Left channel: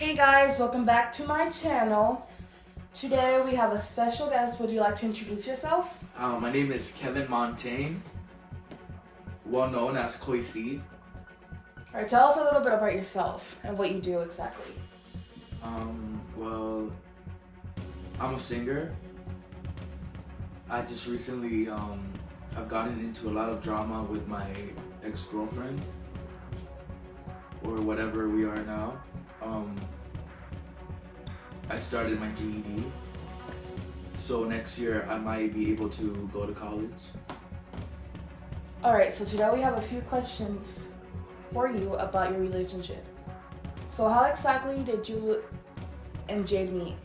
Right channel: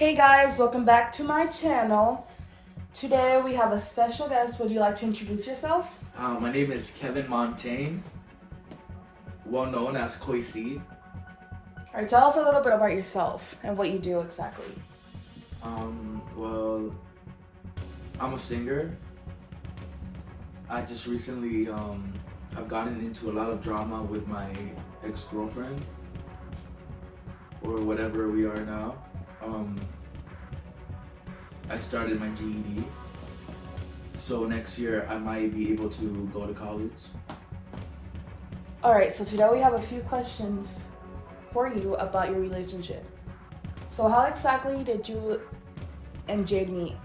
Hey guys, welcome back to my channel. Today we have a special guest. Would you like to introduce yourself? My name is Kevin Montaigne, well known as Koisi. Alright, tell us a little bit about yourself and what you do exactly. Well, I'm a singer. I just recently have gotten into a lot of drama with my ex-girlfriend, or whatever we are now. I started my GED, so next year I might be able to go to college. Alright, so today we have a few questions for you about your relationship. So how exactly did you and Jade meet?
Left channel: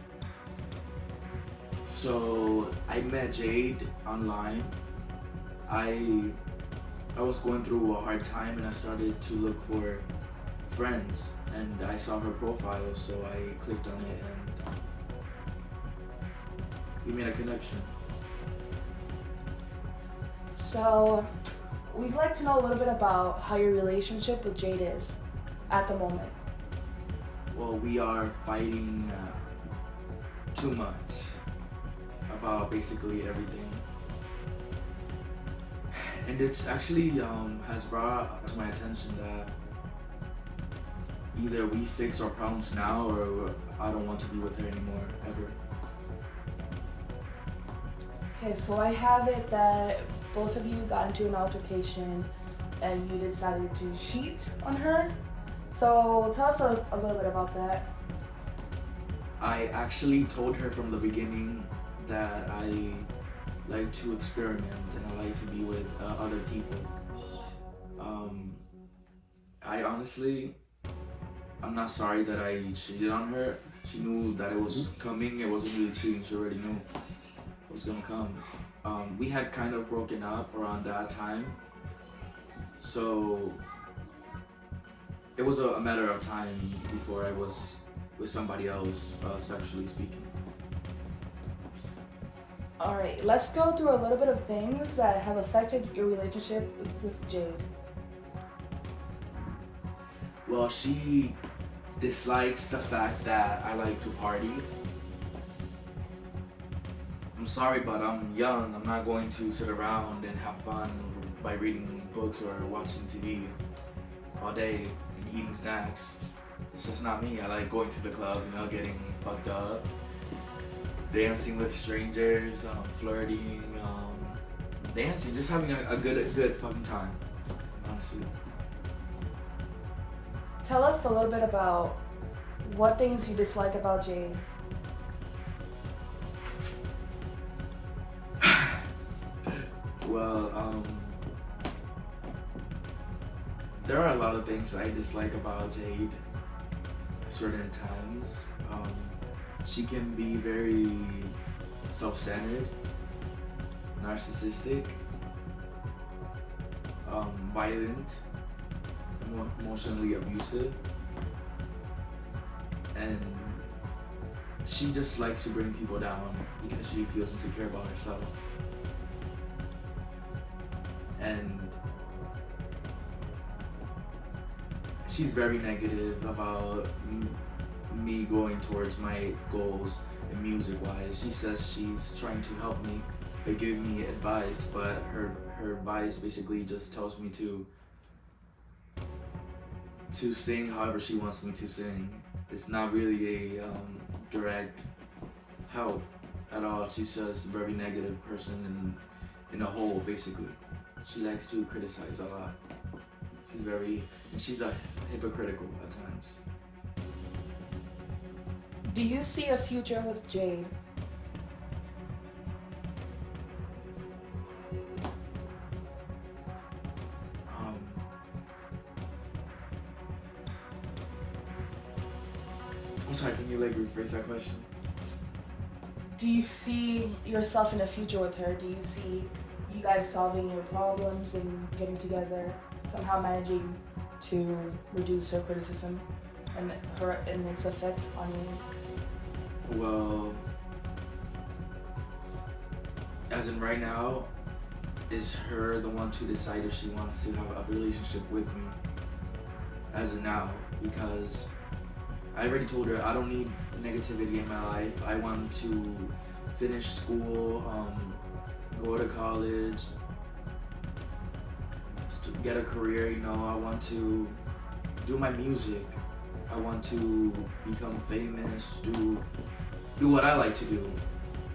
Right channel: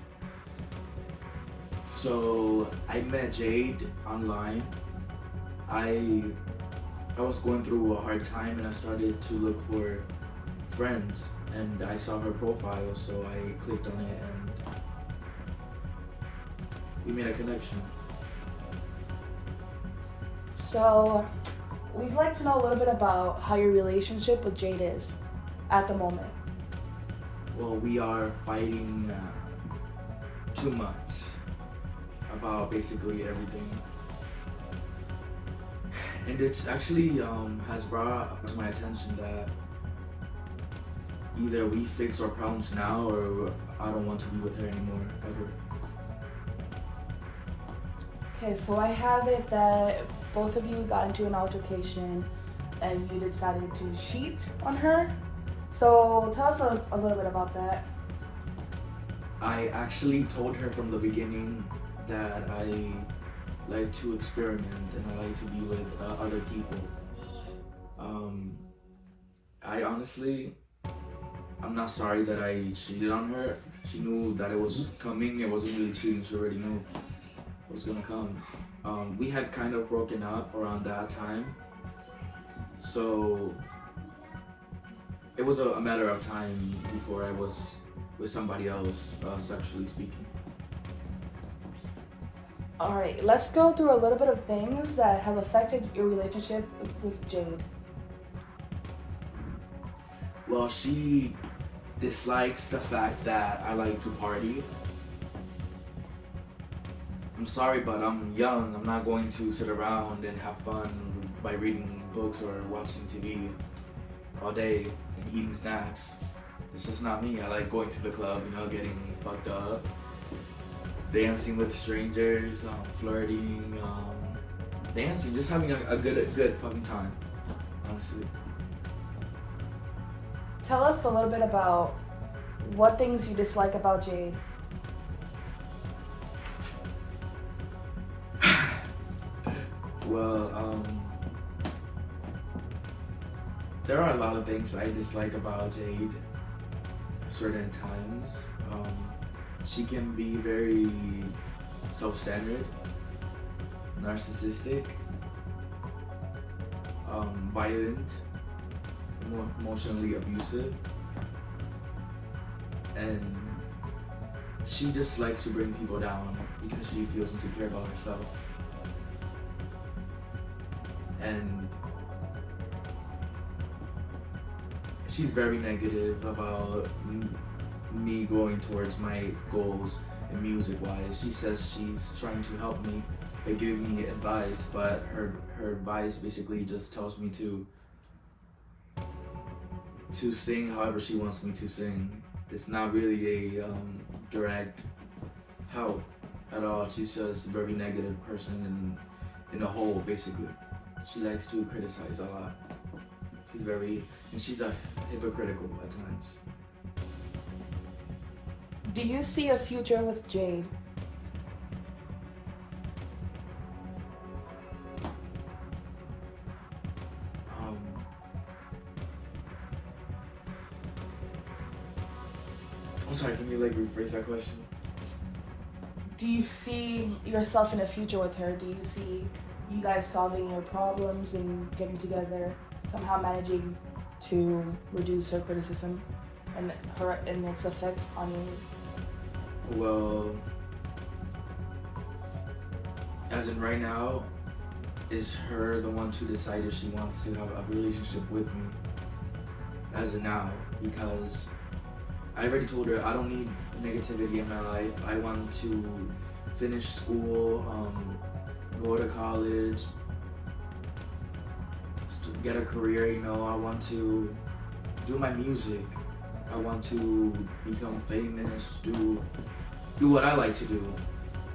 So I met Jade online. I was going through a hard time and I started to look for friends, and I saw her profile, so I clicked on it and we made a connection. So we'd like to know a little bit about how your relationship with Jade is at the moment. Well, we are fighting too much about basically everything. And it's actually has brought to my attention that either we fix our problems now or I don't want to be with her anymore, ever. Okay, so I have it that both of you got into an altercation and you decided to cheat on her. So tell us a little bit about that. I actually told her from the beginning that I like to experiment and I like to be with other people. I honestly, I'm not sorry that I cheated on her. She knew that it was coming. It wasn't really cheating. She already knew it was gonna come. We had kind of broken up around that time, so it was a matter of time before I was with somebody else, sexually speaking. Alright, let's go through a little bit of things that have affected your relationship with Jade. Well, she dislikes the fact that I like to party. I'm sorry, but I'm young. I'm not going to sit around and have fun by reading books or watching TV all day and eating snacks. It's just not me. I like going to the club, getting fucked up, dancing with strangers, flirting, dancing, just having a good fucking time, honestly. Tell us a little bit about what things you dislike about Jade. Well, there are a lot of things I dislike about Jade at certain times. She can be very self-centered, narcissistic, violent, emotionally abusive, and she just likes to bring people down because she feels insecure about herself. And she's very negative about me going towards my goals and music-wise. She says she's trying to help me by giving me advice, but her advice basically just tells me to sing however she wants me to sing. It's not really a direct help at all. She's just a very negative person in a whole, basically. She likes to criticize a lot. She's hypocritical at times. Do you see a future with Jade? I'm sorry, can you rephrase that question? Do you see yourself in a future with her? Do you see you guys solving your problems and getting together, somehow managing to reduce her criticism and its effect on you? Well, as in right now, is her the one to decide if she wants to have a relationship with me as of now, because I already told her I don't need negativity in my life. I want to finish school, go to college, get a career, you know. I want to do my music. I want to become famous, do what I like to do.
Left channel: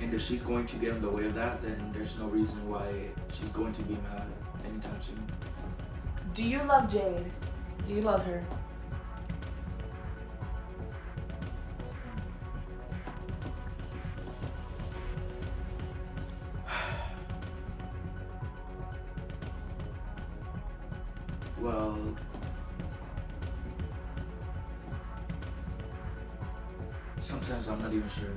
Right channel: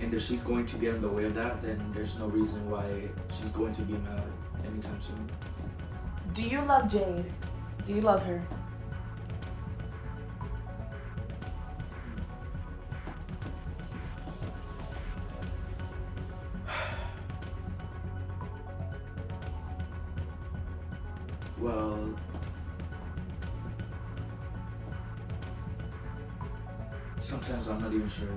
And if she's going to get in the way of that, then there's no reason why she's going to be mad anytime soon. Do you love Jade? Do you love her? Well, sometimes I'm not even sure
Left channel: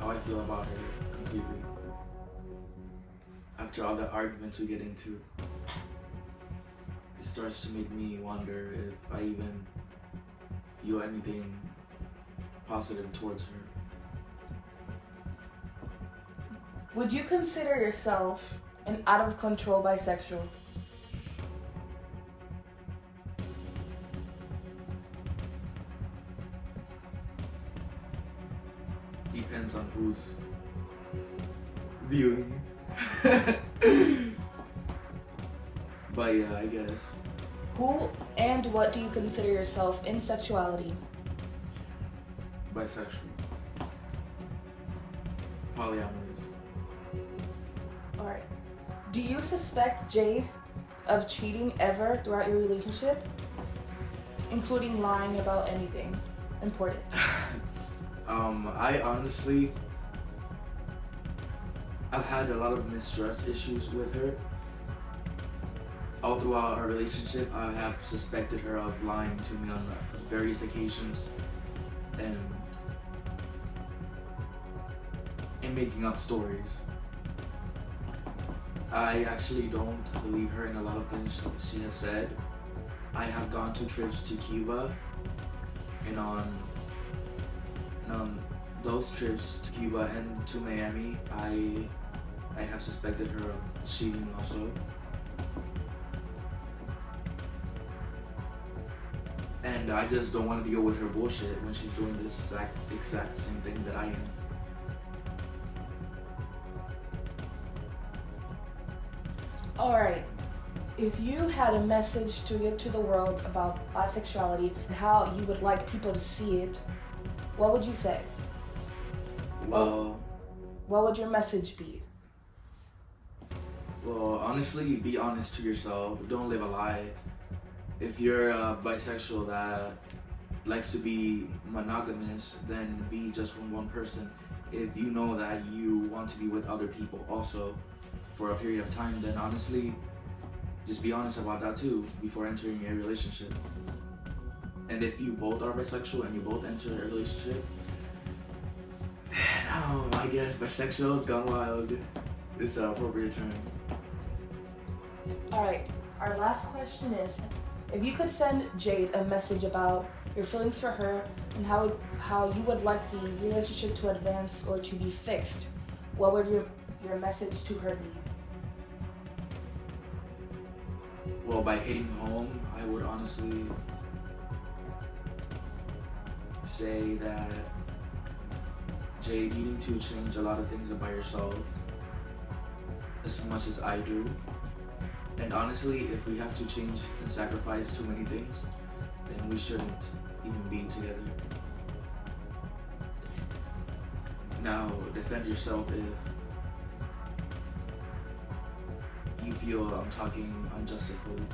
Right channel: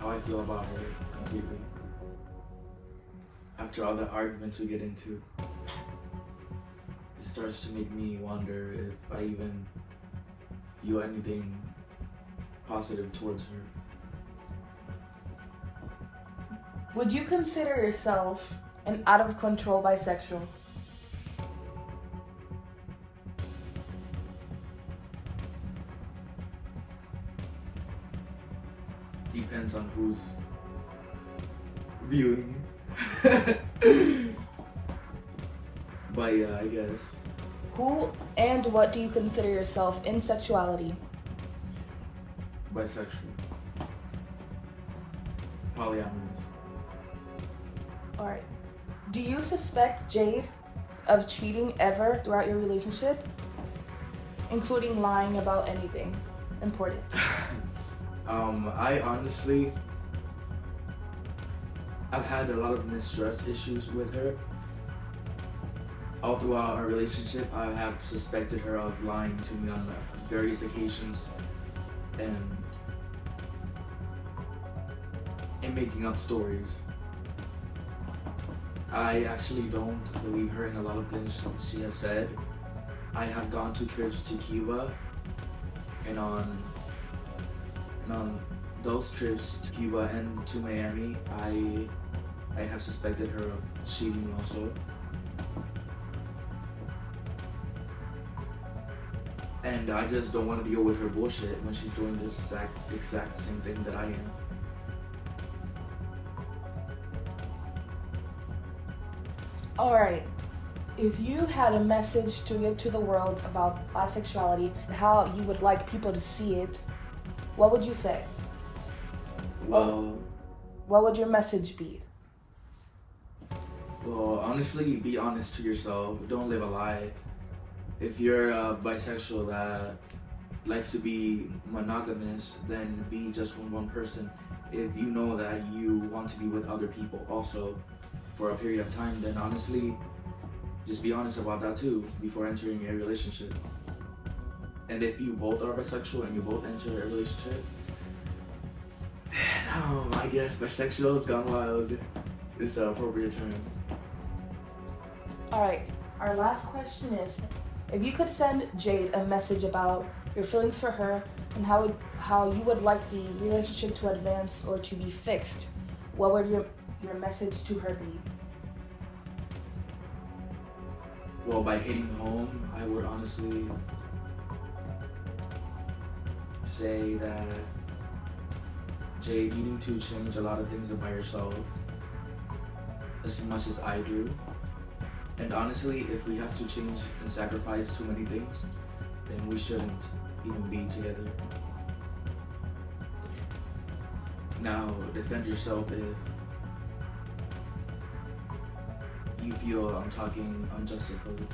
how I feel about her completely. After all the arguments we get into, it starts to make me wonder if I even feel anything positive towards her. Would you consider yourself an out-of-control bisexual? Depends on who's viewing. But yeah, I guess. Who and what do you consider yourself in sexuality? Bisexual. Polyamorous. Alright. Do you suspect Jade of cheating ever throughout your relationship? Including lying about anything important. I honestly, I've had a lot of mistrust issues with her. All throughout our relationship, I have suspected her of lying to me on various occasions and making up stories. I actually don't believe her in a lot of things she has said. I have gone to trips to Cuba, and on those trips to Cuba and to Miami, I have suspected her of cheating also. And I just don't want to deal with her bullshit when she's doing this exact same thing that I am. Alright. If you had a message to give to the world about bisexuality and how you would like people to see it, what would you say? Well, what would your message be? Well, honestly, be honest to yourself. Don't live a lie. If you're bisexual that likes to be monogamous, then be just with one person. If you know that you want to be with other people also for a period of time, then honestly, just be honest about that too before entering a relationship. And if you both are bisexual and you both enter a relationship, then I guess bisexual has gone wild. It's an appropriate term. Alright, our last question is, if you could send Jade a message about your feelings for her and how you would like the relationship to advance or to be fixed, what would your message to her be? Well, by hitting home, I would honestly say that, Jade, you need to change a lot of things about yourself as much as I do. And honestly, if we have to change and sacrifice too many things, then we shouldn't even be together. Now, defend yourself if you feel I'm talking unjustifiably.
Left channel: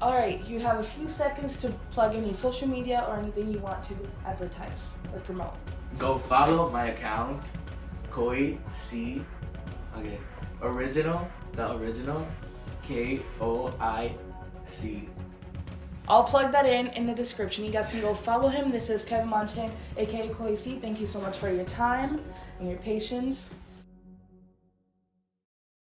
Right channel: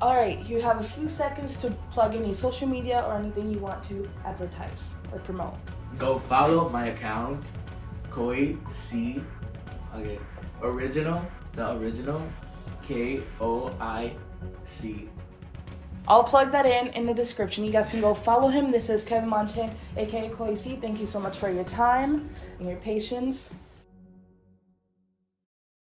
Alright, you have a few seconds to plug any social media or anything you want to advertise or promote. Go follow my account, Koi C. Okay, the original, KOIC. I'll plug that in the description. You guys can go follow him. This is Kevin Monte, aka Koi C. Thank you so much for your time and your patience.